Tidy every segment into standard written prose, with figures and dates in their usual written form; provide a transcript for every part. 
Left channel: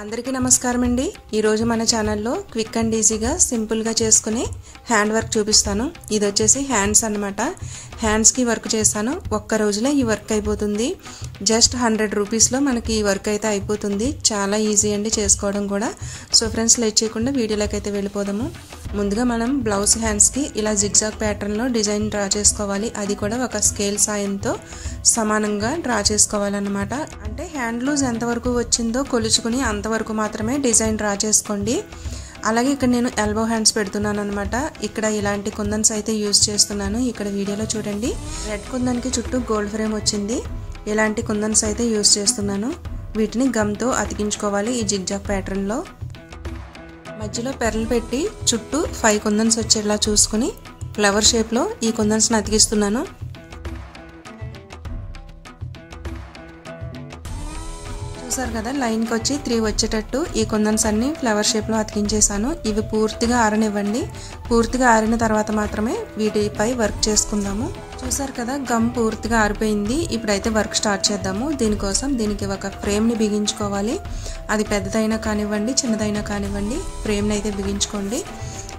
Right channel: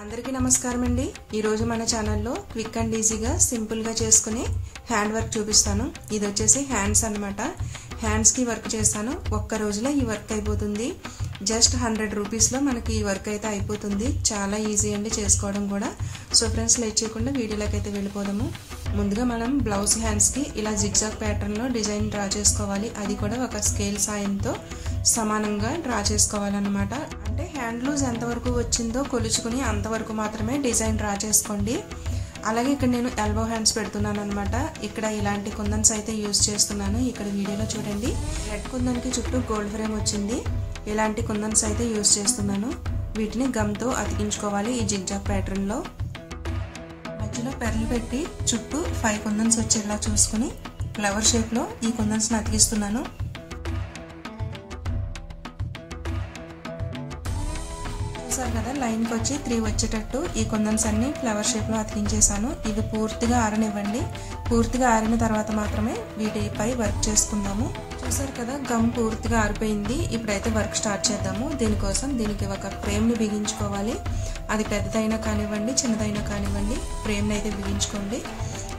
అందరికీ నమస్కారం అండి। ఈ రోజు మన ఛానల్లో క్విక్ అండ్ ఈజీగా సింపుల్ గా చేసుకునే హ్యాండ్ వర్క్ చూపిస్తాను। ఇది వచ్చేసి హ్యాండ్స్ అన్నమాట। హ్యాండ్స్ కి వర్క్ చేస్తాను। ఒక్క రోజులో ఈ వర్క్ అయిపోతుంది। జస్ట్ 100 రూపీస్ లో మనకి ఈ వర్క్ అయితే అయిపోతుంది। చాలా ఈజీ అండి చేసుకోవడం కూడా। సో ఫ్రెండ్స్ లేట్ చేయకుండా వీడియోలోకి అయితే వెళ్ళిపోదాము। ముందుగా మనం బ్లౌజ్ హ్యాండ్స్ కి ఇలా జిగ్జాగ్ ప్యాటర్న్ లో డిజైన్ డ్రా చేసుకోవాలి। అది కూడా ఒక స్కేల్ సాయంతో సమానంగా డ్రా చేసుకోవాలన్నమాట। అంటే హ్యాండ్ లూజ్ ఎంత వరకు వచ్చిందో కొలుచుకుని అంతవరకు మాత్రమే డిజైన్ డ్రా చేసుకోండి। అలాగే ఇక్కడ నేను ఎల్బో హ్యాండ్స్ పెడుతున్నాను అన్నమాట। ఇక్కడ ఇలాంటి కుందన్స్ అయితే యూస్ చేస్తున్నాను। ఇక్కడ వీడియోలో చూడండి రెడ్ కుందన్కి చుట్టూ గోల్డ్ ఫ్రేమ్ వచ్చింది। ఇలాంటి కుందన్స్ అయితే యూస్ చేస్తున్నాను। వీటిని గమ్ తో అతికించుకోవాలి ఈ జిగ్జాగ్ ప్యాటర్న్ లో। మధ్యలో పెరలు పెట్టి చుట్టూ 5 కుందన్స్ వచ్చేలా చూసుకుని ఫ్లవర్ షేప్ లో ఈ కుందన్స్ ని అతికిస్తున్నాను। చూసారు కదా లైన్ కి వచ్చి 3 వచ్చేటట్టు ఈ కుందన్స్ అన్ని ఫ్లవర్ షేప్ లో అతికించేసాను। ఇవి పూర్తిగా ఆరనివ్వండి। పూర్తిగా ఆరిన తర్వాత మాత్రమే వీటిపై వర్క్ చేసుకుందాము। చూసారు కదా గమ్ పూర్తిగా ఆరిపోయింది। ఇప్పుడైతే వర్క్ స్టార్ట్ చేద్దాము। దీనికోసం దీనికి ఒక ఫ్రేమ్ ని బిగించుకోవాలి। అది పెద్దదైనా కానివ్వండి చిన్నదైనా కానివ్వండి ఫ్రేమ్ ని అయితే బిగించుకోండి।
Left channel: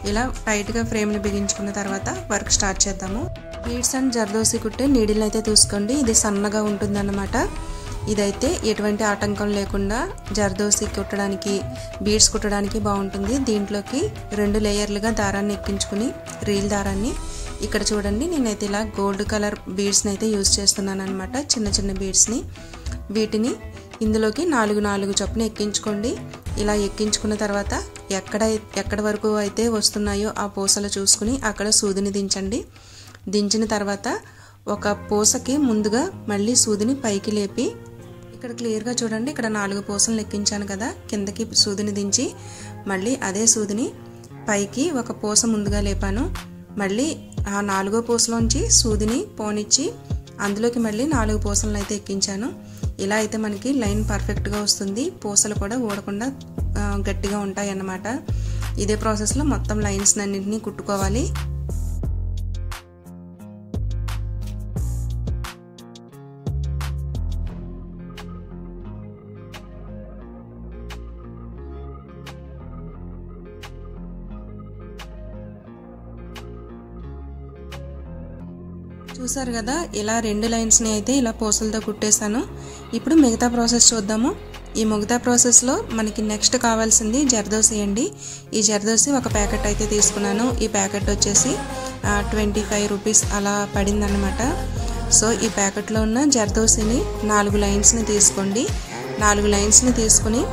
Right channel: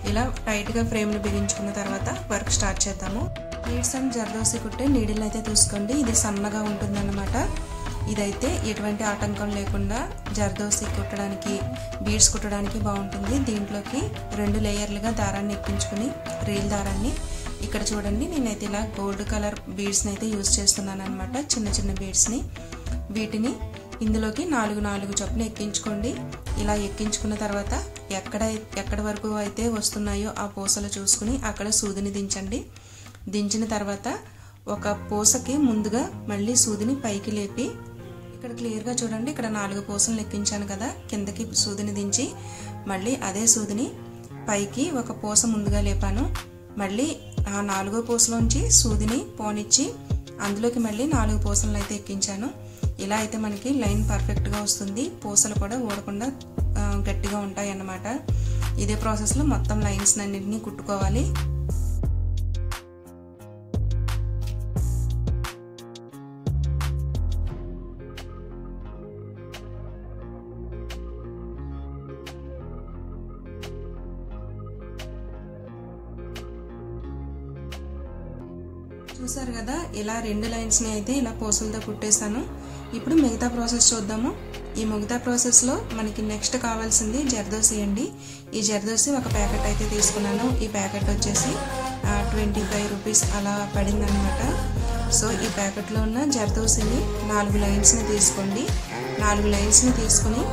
ఇలా టైట్ గా ఫ్రేమ్ ని బిగించుకున్న తర్వాత వర్క్ స్టార్ట్ చేద్దాము। బీడ్స్ అండ్ జర్దోసి కుట్టే నీడిల్ అయితే తీసుకోండి। ఇది సన్నగా ఉంటుందన్నమాట। ఇదైతే ఎటువంటి ఆటంకం లేకుండా జర్దోసి కుట్టడానికి బీడ్స్ కుట్టడానికి బాగుంటుంది। దీంట్లోకి 2 లేయర్లుగా దారాన్ని ఎక్కించుకుని రీల్ దారాన్ని ఇక్కడ చూడండి నేనైతే ఇలా గోల్డ్ కలర్ బీడ్స్ ని అయితే యూస్ చేస్తున్నాను అన్నమాట। చిన్న చిన్న బీడ్స్ ని వీటిని ఇందులోకి 4 చొప్పున ఎక్కించుకోండి। ఇలా ఎక్కించుకున్న తర్వాత ఎక్కడ వరకు అయితే వస్తున్నాయో ఆ పూసలు చూసుకుని అక్కడ సూదిని దించండి। దించిన తర్వాత ఒక పూసకి ముందుగా మళ్ళీ సూదిని పైకి లేపి ఇక్కడ క్లియర్ గా చూడండి ఇక్కడ 4 పూసలు ఎక్కించాను కదా కిందకి సూదిని దించి మళ్ళీ అదే సూదిని పైకి ఒక పూస ముందుగా లేపాను। మళ్ళీ ఆ 4వ పూసలోంచి సూదిని పోనిచ్చి అందులోకి మళ్ళీ 4 పూసలను అయితే ఎక్కించాను। ఇలా అయితే మనకి లైన్ పర్ఫెక్ట్ గా వస్తుంది। పూసలు కూడా ఊడకుండా గట్టిగా ఉంటాయి అన్నమాట। ఇదే ప్రాసెస్ లో మొత్తం లైన్స్ అన్నింటినీ కుట్టుకోవాలి। చూసారు కదా ఇలా 2 లైన్స్ ని అయితే ఇలా పూసలతో కుట్టేశాను। ఇప్పుడు మిగతా ప్రాసెస్ చూద్దాము। ఈ మిగతా ప్రాసెస్ లో మనకి నెక్స్ట్ కావాల్సింది జర్దోసి అండి। ఈ జర్దోసి ఒక ప్యాకెట్ అయితే తీసుకున్నాను। ఈ ప్యాకెట్ వచ్చేసి 25 రూపీస్ అలా పడింది అన్నమాట। సో ఈ ప్యాకెట్ లో ఉన్న జర్దోసిని 4 లైన్స్ ని తీసుకోండి। 4 లైన్స్ ని తీసుకుని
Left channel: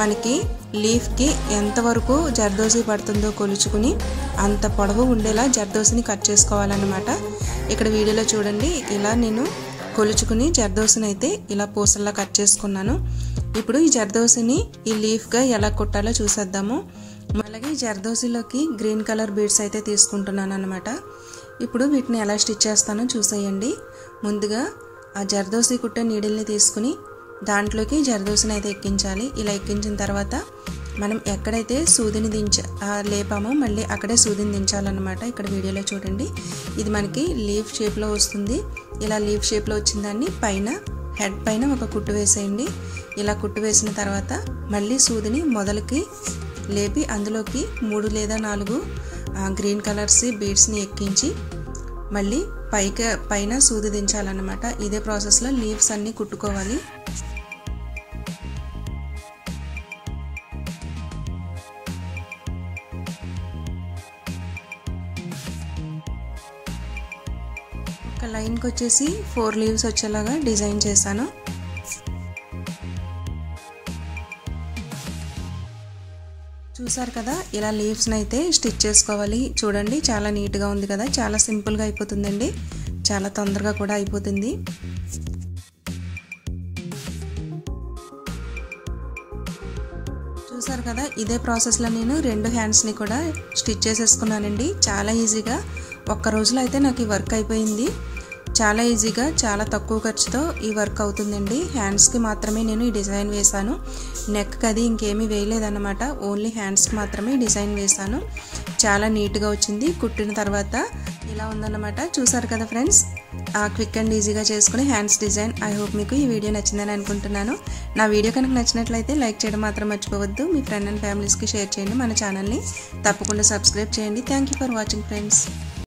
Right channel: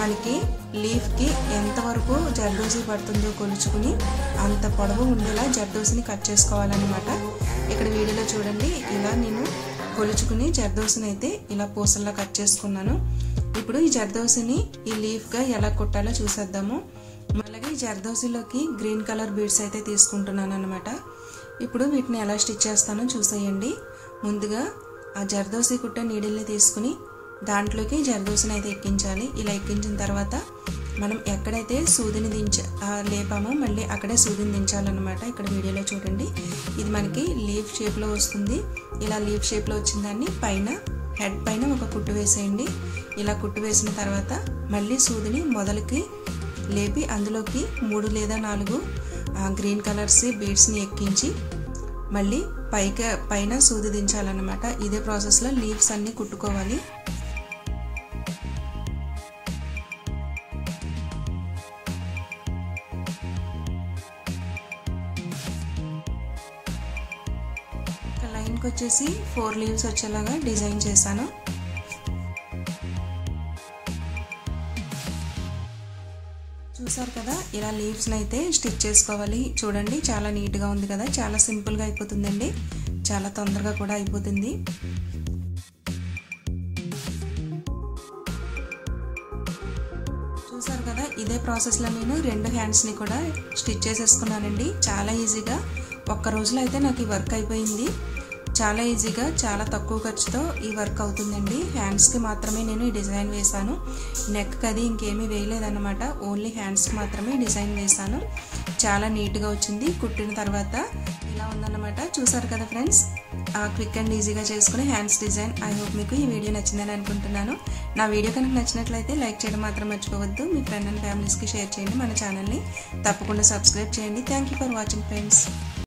మనకి లీఫ్ కి ఎంత వరకు జర్దోసి పడుతుందో కొలుచుకుని అంత పొడవు ఉండేలా జర్దోసిని కట్ చేసుకోవాలన్నమాట। ఇక్కడ వీడియోలో చూడండి ఇలా నేను కొలుచుకుని జర్దోసిని అయితే ఇలా పూసల్లా కట్ చేసుకున్నాను। ఇప్పుడు ఈ జర్దోసిని ఈ లీఫ్ గా ఎలా కుట్టాలో చూసేద్దాము। అలాగే జర్దోసిలోకి గ్రీన్ కలర్ బీడ్స్ అయితే తీసుకుంటున్నాను అన్నమాట। ఇప్పుడు వీటిని ఎలా స్టిచ్ చేస్తానో చూసేయండి। ముందుగా ఆ జర్దోసి కుట్టే నీడిల్ని తీసుకుని దాంట్లోకి జర్దోసిని అయితే ఎక్కించాలి। ఇలా ఎక్కించిన తర్వాత మనం ఎక్కడైతే సూదిని లేపామో మళ్ళీ అక్కడే సూదిని దించాలన్నమాట। ఇక్కడ వీడియోలో చూడండి ఇది మనకి లీఫ్ షేప్ లో వస్తుంది। ఇలా లీఫ్ షేప్ లో వచ్చిన దాన్ని పైన హెడ్ పైన ఒక కుట్టు వేసేయండి। ఇలా కుట్టు వేసిన తర్వాత మళ్ళీ సూదిని మొదలకి లేపి అందులోకి 3 లేదా 4 గ్రీన్ కలర్స్ బీడ్స్ ని ఎక్కించి మళ్ళీ పైన సూది దించాలన్నమాట। ఇదే ప్రాసెస్ లో లీవ్స్ అన్ని కుట్టుకోవాలి। లైన్ కి వచ్చేసి 4 లీవ్స్ వచ్చేలాగా డిజైన్ చేశాను। చూసారు కదా ఇలా లీవ్స్ అయితే స్టిచ్ చేసుకోవాలి। చూడండి చాలా నీట్ గా ఉంది కదా చాలా సింపుల్ గా అయిపోతుందండి। చాలా తొందరగా కూడా అయిపోతుంది। చూసారు కదా ఇదే ప్రాసెస్ లో నేను 2 హ్యాండ్స్ ని కూడా స్టిచ్ చేసేసుకున్నానండి। చాలా ఈజీగా ఒక్క రోజులో అయితే నాకు ఈ వర్క్ అయిపోయింది। చాలా ఈజీగా చాలా తక్కువ ఖర్చుతో ఈ వర్క్ అవుతుందండి। హ్యాండ్స్ కి మాత్రమే నేను ఈ డిజైన్ వేసాను। నెక్ కి అది ఇంకేమీ వేయలేదన్నమాట। ఓన్లీ హ్యాండ్స్ కి మాత్రమే డిజైన్ వేసాను। చాలా నీట్ గా వచ్చింది। కుట్టిన తర్వాత ఇలా ఉందన్నమాట। చూసారు కదా ఫ్రెండ్స్ క్విక్ అండ్ ఈజీగా చేసుకునే హ్యాండ్స్ డిజైన్. ఐ హోప్ మీకు ఈ వీడియో నచ్చిందని అనుకుంటున్నాను. నా వీడియో కనుక నచ్చినట్లయితే లైక్ చేయడం మాత్రం మర్చిపోవద్దు. మీ ఫ్రెండ్ అండ్ ఫ్యామిలీస్కి షేర్ చేయండి. మన ఛానల్ని తప్పకుండా సబ్స్క్రైబ్ చేయండి. Thank you for watching friends.